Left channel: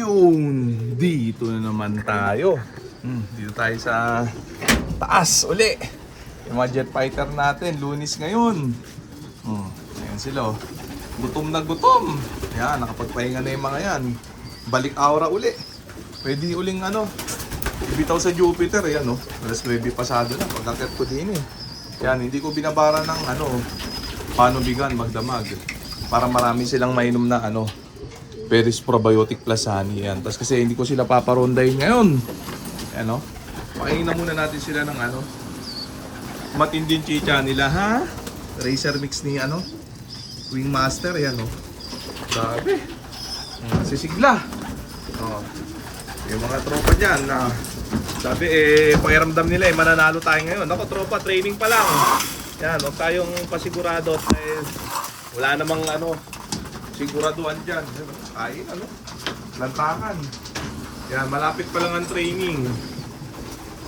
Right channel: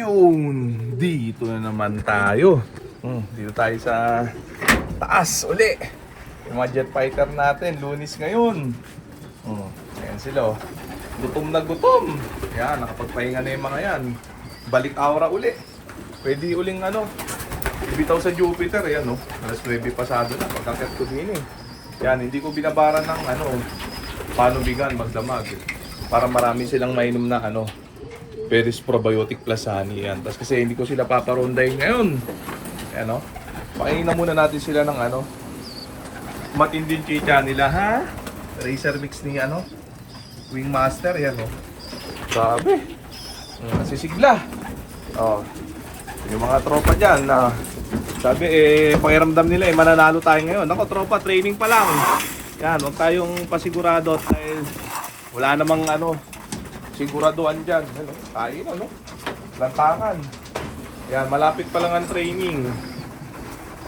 Yun, dito na naman tayo. Dito tayo sa taas uli. Yung mga jet fighter natin, lunis ngayon. Ayan sila oh. Gutom na gutom. Yan, nakapagpahinga na yung mga yan. Balik aura uli. Pwede uling ibitaw sa Jupiter. Yan oh. Alas 9 pasado na. Pagkakit ko din eh. Yan, hindi ko binabaran ng panubigan, magdamag. Para marami silang mainom na Peris Probiotic Plus Honey yan. Tapos kasi hindi ko sila paparondahin ngayon. Ayan o. Pakainin na muna natin sila ng matinding chicha nila ha. Racer mix ni Wingmaster yan o. Sabi. Sisigla. Yung mga tropa dyan na sabi pakiramdam nila mananalo tayo ngayon. Ako tropa, training pa lang. Yan, huwag tayong pasigurado. Wala namang siguraduhan dyan. Tayo, lantangan. Yan, malapit pa lang ang training.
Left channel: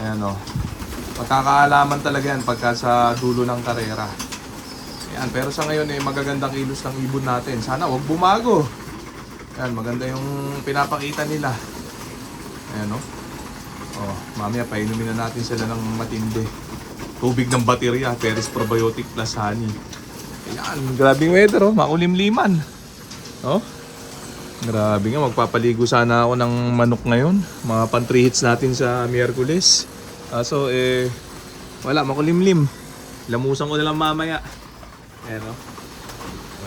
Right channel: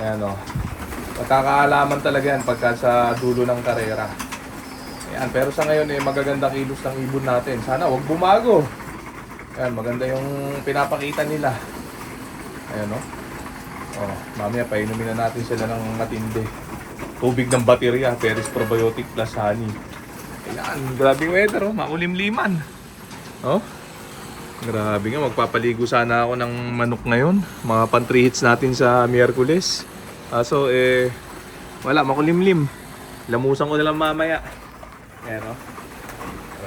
Ayan, magkakaalaman talaga yan pagka sa dulo ng karera. Ayan, pero sa ngayon, magagandang kilos ng ibon natin. Sana huwag bumago. Ayan, maganda yung pinapakita nila. Ayan, mamaya painumin na natin sila ng matindi. Tubig ng baterya, Peris Probiotic Plus Honey. Ayan, grabing weather, makulimliman. Grabe nga, magpapaligo sana ako ng manok ngayon. Mga pan 3 hits natin sa Miyerkules. So, wala, makulimlim. Lamusan ko na lang mamaya. Ayan,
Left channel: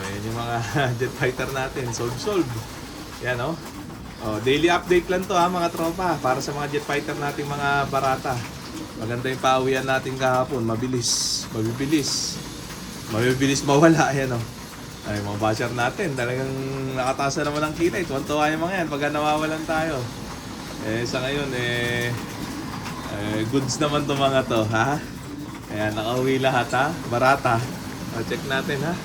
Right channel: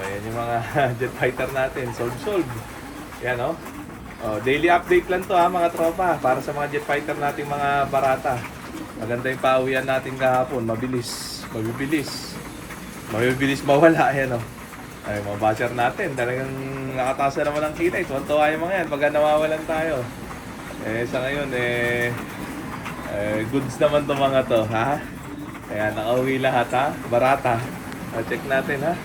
ayan yung mga jet fighter natin. Sold. Ayan, daily update lang to mga tropa. Para sa mga jet fighter natin mga barata. Maganda yung pauwian natin kahapon. Mabilis mawala. Ayan, ay, mga basher natin, talagang nakataas na naman ang kita. Tuwan-tuwa yung mga yan pagka nawawalan tayo. Sa ngayon, goods naman to mga to, ha? Ayan, nakauwi lahat, ha? Barata. Check natin, ha?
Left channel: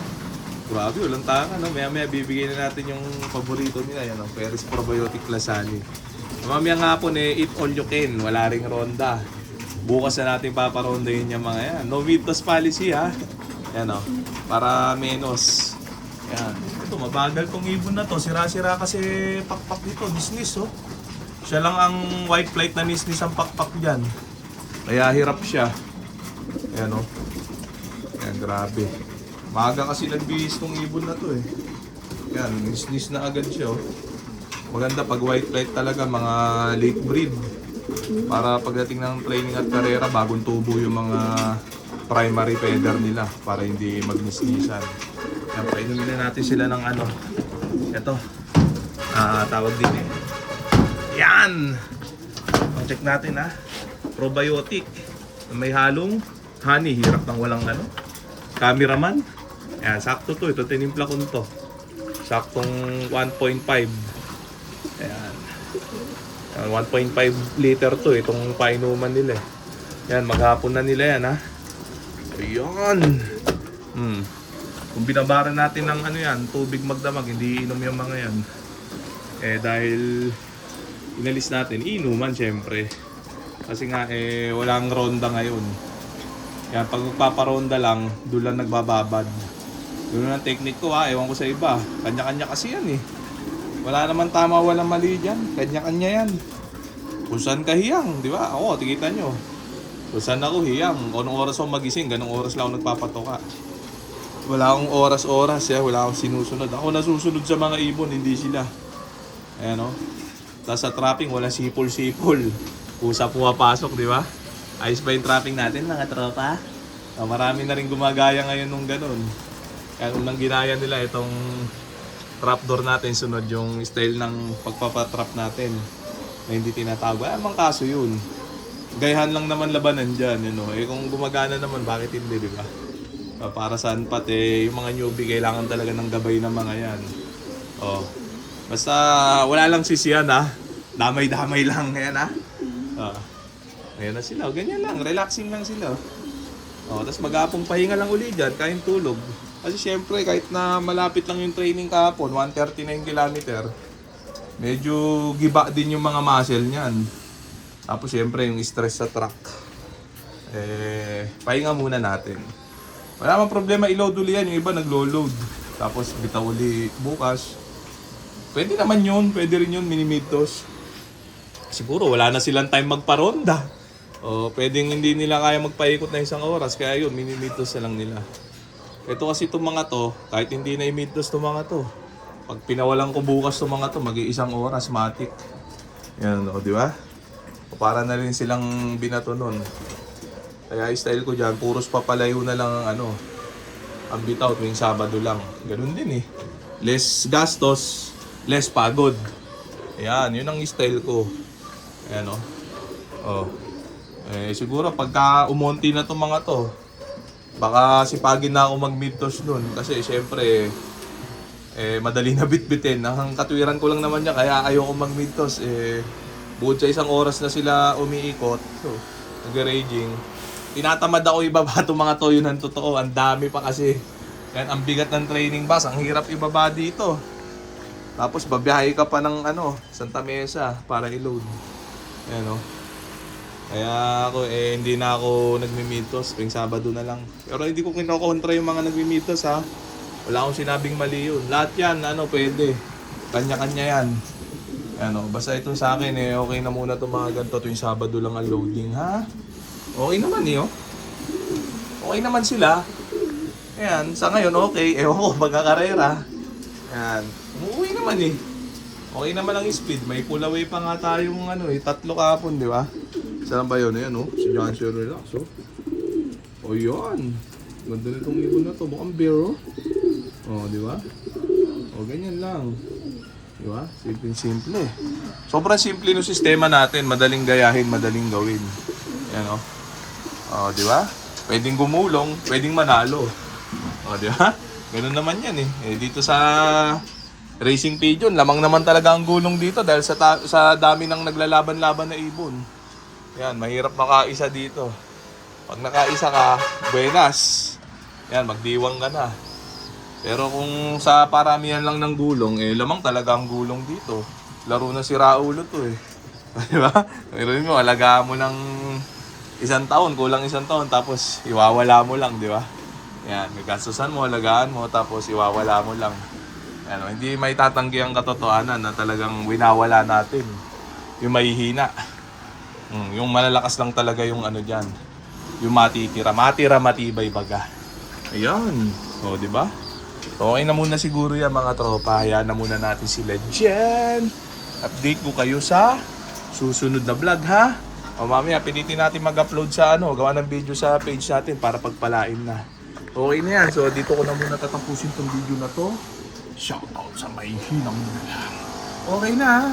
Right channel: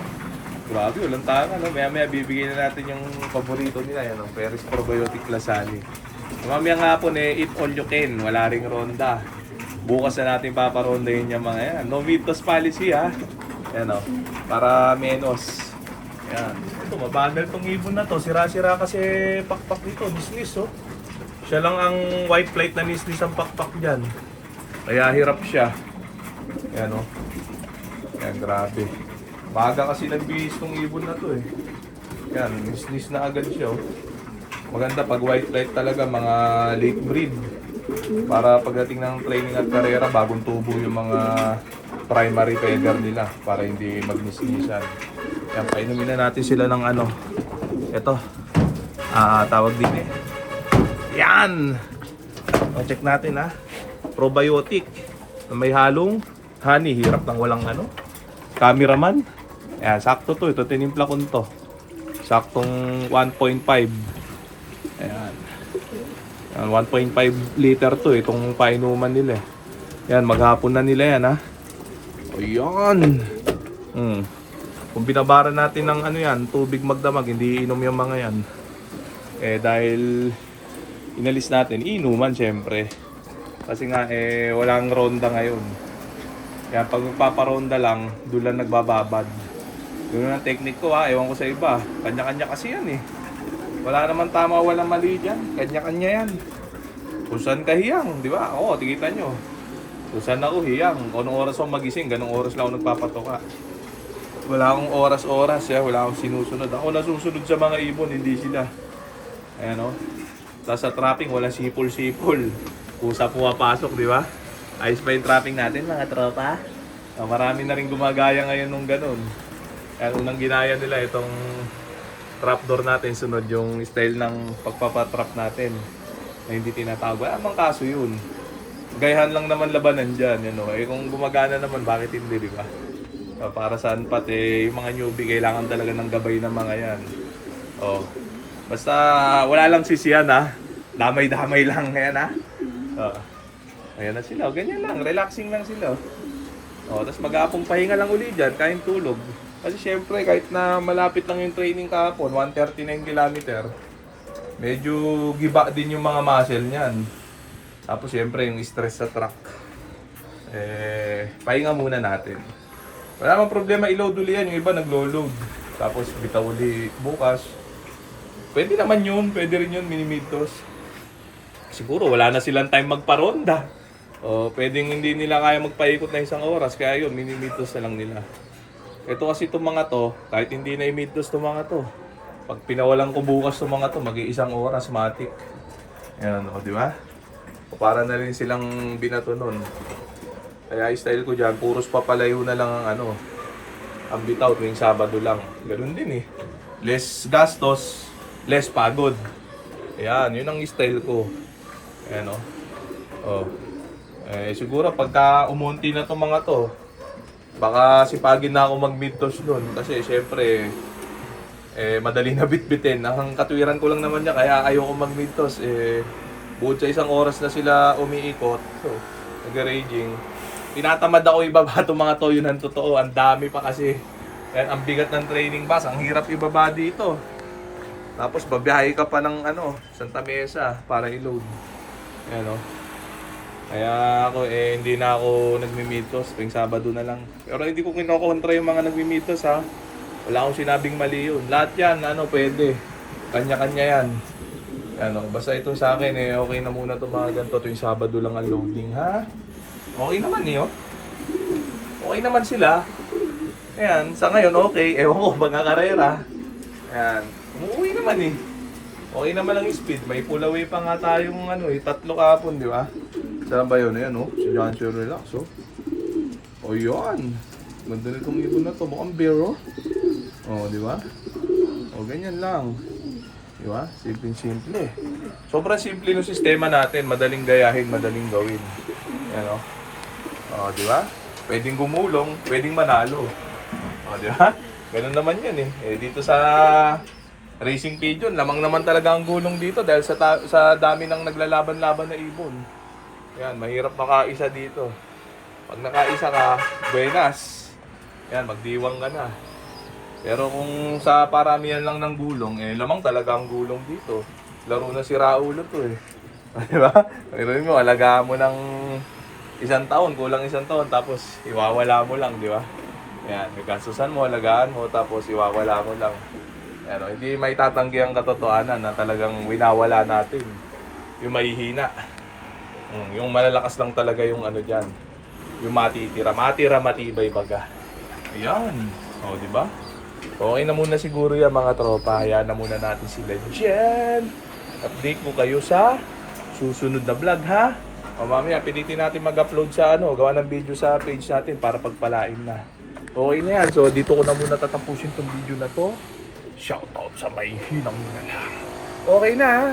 Grabe, walang tanga, Maya-maya bibigyan na natin yung paborito nila, yan, Peris Probiotic Plus Honey. Mamaya nga po, eat all you can. Wala ring ronda. Bukas na natin paparondahin yung mga yan. No Vitos policy, ha? Yan, para menos. Yan. Ito, mabagal tong ibon na to. Sira-sira kasi pakpak dito. Dismiss, Siya lang ang white flight na nisnis ang pakpak dyan. Kaya hirap siya. Yan, Yan, grabe. Maga kasi nagbihis tong ibon na to, Yan, nisnis na agad siya, Maganda pag white flight talaga, mga late breed. Para pagdating ng training at karera, bagong tubo yung mga primary feather nila. Para hindi magnisnisan. Yan, painumin na natin sila ng ito, tawag din yan. Check natin probiotic na may halong honey. Hirap ng walang cameraman. Yan, sakto to. Ito tinimpla ko to. Saktong 1.5. Ayan, 1.5 liter to. Itong painuman nila Yan, maghapon na nila yan Ayan. Kung binabaran natin ng tubig magdamag, hindi inom yung mga yan. Dahil inalis natin, inuman syempre. Kasi nga, walang ronda ngayon. Kaya pag magpaparonda lang, doon lang nagbababad. Yun ang technique ko ewan ko sa iba. Kanya-kanya kasi yan Wala naman tama, walang mali dyan. Kanya-kanya yan. Kung saan ka hiyang, di ba? Oo, tigitan nyo. Kung saan ako hiyang, kung anong oras ako magising, ganong oras lang ako nagpapatoka. Wala akong oras-oras, wala akong sinusunod. Ako nasusunod sa mga ibon, hindi sila. Ayan Tapos sa trapping, wala sipol-sipol. Kusa pumapasok, di ba? Ayos pa yung trapping natin, mga tropa. Marami na rin gumagaya ngayon nung ganun. Kaya unang ginaya nila itong trapdoor natin, sunod yung style ng pagpapatrap natin na hindi tinatawag. Wala bang kaso yun? Gayahan lang naman labanan dyan, kung gumagana naman, bakit hindi, di ba? Para saan pati yung mga newbie kailangan talaga ng gabay ng mga yan. Basta wala lang sisiyan damay-damay lang yan ayan na sila, ganyan lang, relaxing lang sila. Tapos mag-aapong pahinga lang uli dyan, kain tulog. Kasi syempre kahit na malapit lang yung training kahapon, 139 km, medyo giba din yung mga muscle niyan. Tapos syempre yung stress sa truck, pahinga muna natin. Wala mang problema, i-load uli yan. Yung iba naglo-load. Tapos bitaw uli bukas. Pwede naman yun, pwede rin yun, mini-midtos. Siguro wala na silang time magparonda. O pwedeng hindi nila kaya magpaikot na 1 oras, kaya yun, mini-midtos na lang nila. Ito kasi itong mga to, kahit hindi na i-midtos itong mga to, pag pinawalan ko bukas itong mga to, mag-1 oras, matik. Yan, o, di ba? O, para na rin silang binato nun. Kaya style ko dyan, puros papalayo na lang ang ano, ang bitaw tuwing Sabado lang. Ganun din eh. Less gastos, less pagod. Ayan, yun ang style ko. Ayan o. Oh. Siguro pagka umunti na itong mga to, baka sipagin na ako mag-midtoss nun. Kasi syempre, madali na bitbitin. Ang katwiran ko lang naman niya, kaya ayoko mag-midtoss. Bukod sa 1 oras na sila umiikot, so, nag-raging. Tinatamad ako ibaba itong mga toyo ng totoo. Ang dami pa kasi. Yan, ang bigat ng training bus. Ang hirap ibaba dito. Tapos babiyahe ka pa ng Santa Mesa para i-load. Yan o. Kaya ako hindi na ako nagmi-midtoss. Tuwing Sabado na lang. Pero hindi ko kinokontra yung mga nagmi-midtoss ha. Wala akong sinabing mali yun. Lahat yan, pwede. Kanya-kanya yan. Basta ito sa akin okay na muna itong mga ganito. Tuwing Sabado lang ang loading ha. Okay naman okay naman sila. Ayan, sa ngayon okay. Ewan ko, magkakarera. Ayan, okay naman Okay naman ang speed. May pull away pa nga tayong 3 kahapon, di ba? Saan ba yun? Ayan si Johnson Relax O yun. Ganda nitong ibon na to. Mukhang bear di ba? Ganyan lang. Di ba? Simple. Sobrang simple ng sistema natin. Madaling gayahin, madaling gawin. Ayan di ba? Pwedeng gumulong, pwedeng manalo. Di ba? Ganun naman yan dito sa Racing Pigeon, lamang naman talaga ang gulong dito dahil sa dami ng naglalaban-laban na ibon. Yan, mahirap makaisa dito. Pag nakaisa ka, buenas. Yan, magdiwang ka na. Pero kung sa paramihan lang ng gulong, lamang talaga ang gulong dito. Laro na si Raulo to Di ba? Mayroon mo, alagaan mo ng 1 taon, kulang 1 taon, tapos iwawala mo lang, di ba? Yan, may gastusan mo, alagaan mo, tapos iwawala mo lang. Yan, hindi may tatanggi ang katotohanan na talagang winawala natin. Yung mahihina. Yung malalakas lang talaga yung dyan. Yung matitira, matibay baga. Ayan. Di ba? Okay na muna siguro yan mga tropa. Hayaan na muna natin sila dyan. Update ko kayo sa susunod na vlog ha. Mamaya pilitin natin mag-upload sa gawa ng video sa page natin para pagpalain na. Okay na yan. So dito ko na muna tatapusin tong video na to. Shoutout sa may hinang na lang. Okay na ha.